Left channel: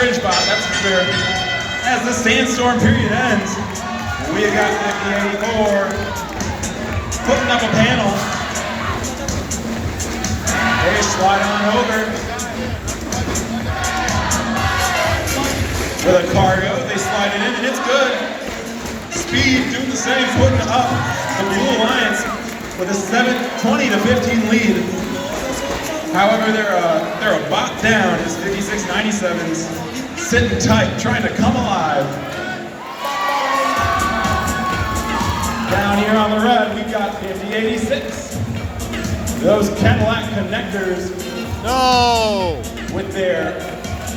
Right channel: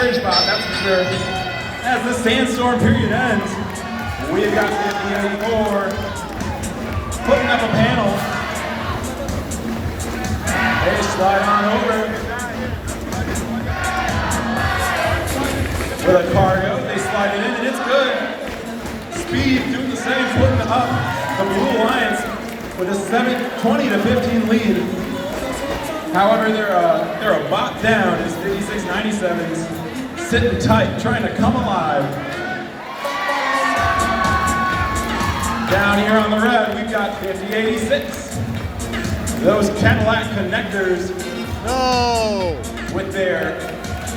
FridgeBot, that's for sure. As the sandstorm period ends, we've got 5084 putting up a panel. They slide on over with a cargo. They slide it in, and it's good. Speed doing the same, putting up the Blue Lions with a 20-15 lead. However, they're a bot down as 5697's sitting tight, trying to come alive. Down here on the red, we've got 5086. Those Cadillac connectors. No! With their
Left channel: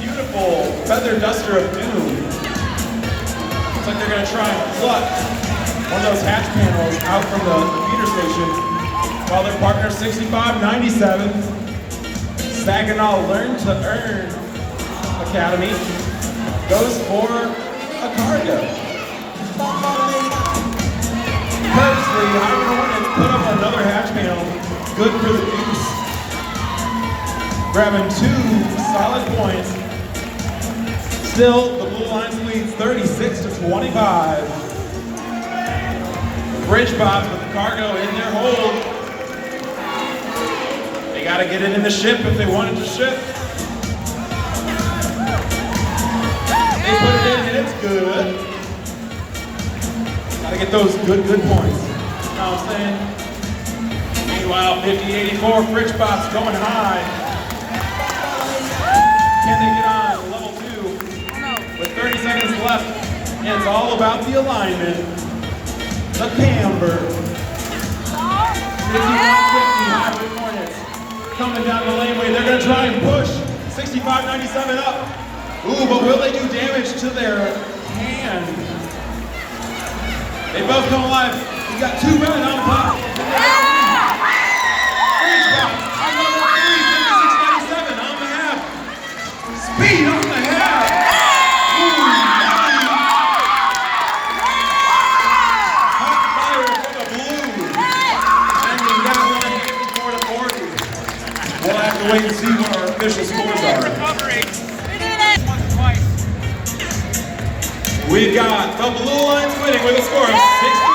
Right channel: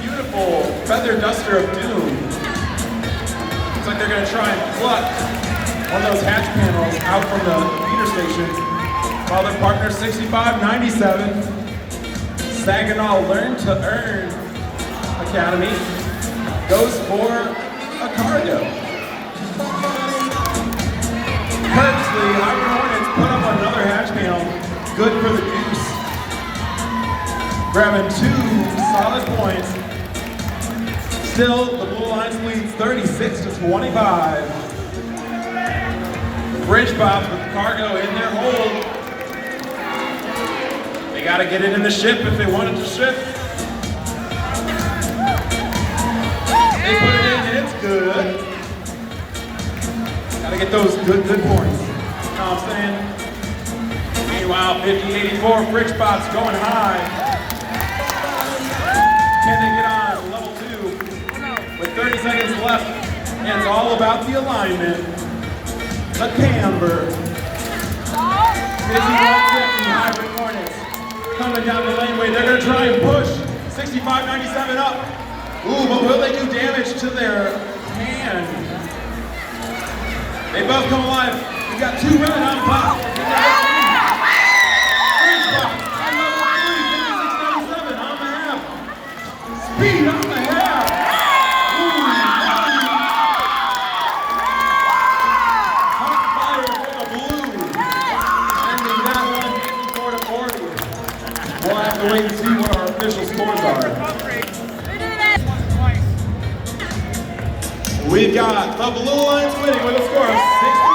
beautiful feather duster of doom. Looks like they're going to try and pluck one of those hatch panels out from the feeder station, while their partner 6597, Saginaw Learn to Earn Academy, goes for a cargo. Pursley, Hybrid Hornets put up another hatch panel, good for the goose. Grabbing 2 solid points. Still, the Blue Lions lead 36-25. FridgeBot with the cargo in their hold. They gotta get it in the ship if they want it to ship. They put it in and it's good. Gotta get those good points. You know what I'm saying? Meanwhile, 5084, FridgeBot's going high. Can they get on level 2 with 30 seconds left? And it's all about the alignment. The camber. 5150 Hybrid Hornets coming down the laneway. They're going to try and push 6597 up. Ooh, but will they do damage to their hand? They both come alive. We got 2 red on top. FridgeBot on level 3, 5697 on the half. Speed on the half. Ooh, hot fire for the blue. And we got one 54-40. We'll have to wait and see what our official scores are. We've got the Blue Lions winning with a score of 60.